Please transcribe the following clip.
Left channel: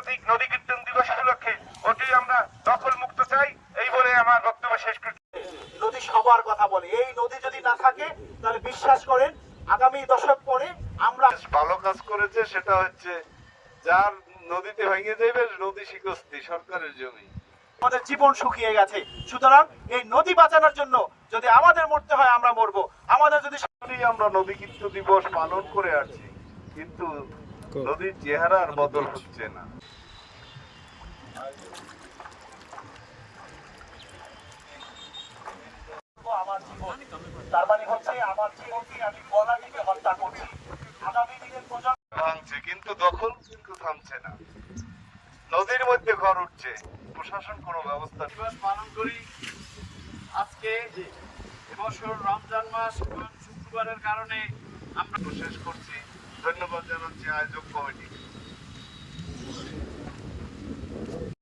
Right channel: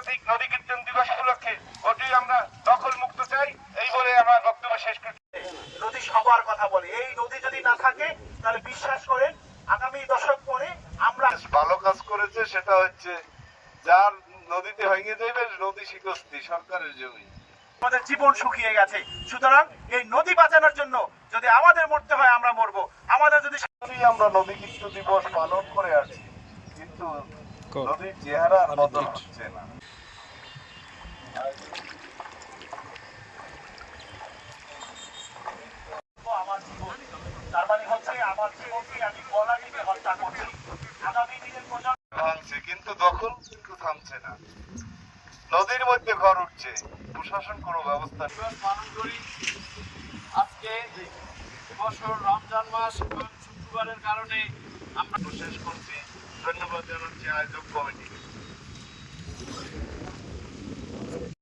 আন্তর্জাতিক নদী কীর্তন দিবস উপলক্ষে ওটি আমরা দখল মুক্ত চাই এই বলে আমার বক্তব্য শেষ করছি। নদী সবার কথা বলে এই নদী যদি না থাকে তাহলে বিশ্বাস করেন আগামী দশক পরে আমরা ভালো কাজ করেছে সেটা হচ্ছে যার নদীতে ভেঙে যাবে নদী শিকস্তি সরকারের জমি। আমাদের জীবন শুকিয়ে গেছে। সুতরাং এই নদী বাঁচানোর জন্য যদি আমাদের মরতে হয় আমরা মরবো। আমাদের যদি আমরা নদী কীর্ত দিবস পালন করে আসছি কিন্তু নদীর চেহারার বদল হচ্ছে না। আমার জীবন তার মানে ভাঙছে কিন্তু দখল কিন্তু থামছে না। নদীর মধ্যে ঘর উঠছে। প্রশাসন কোনো ব্যবস্থা পালন করি। আজকে বছর রমজান মাস এবং শুক্রবারের কারণে আমরা শেষ করছি। Nova Mananciais o Cone.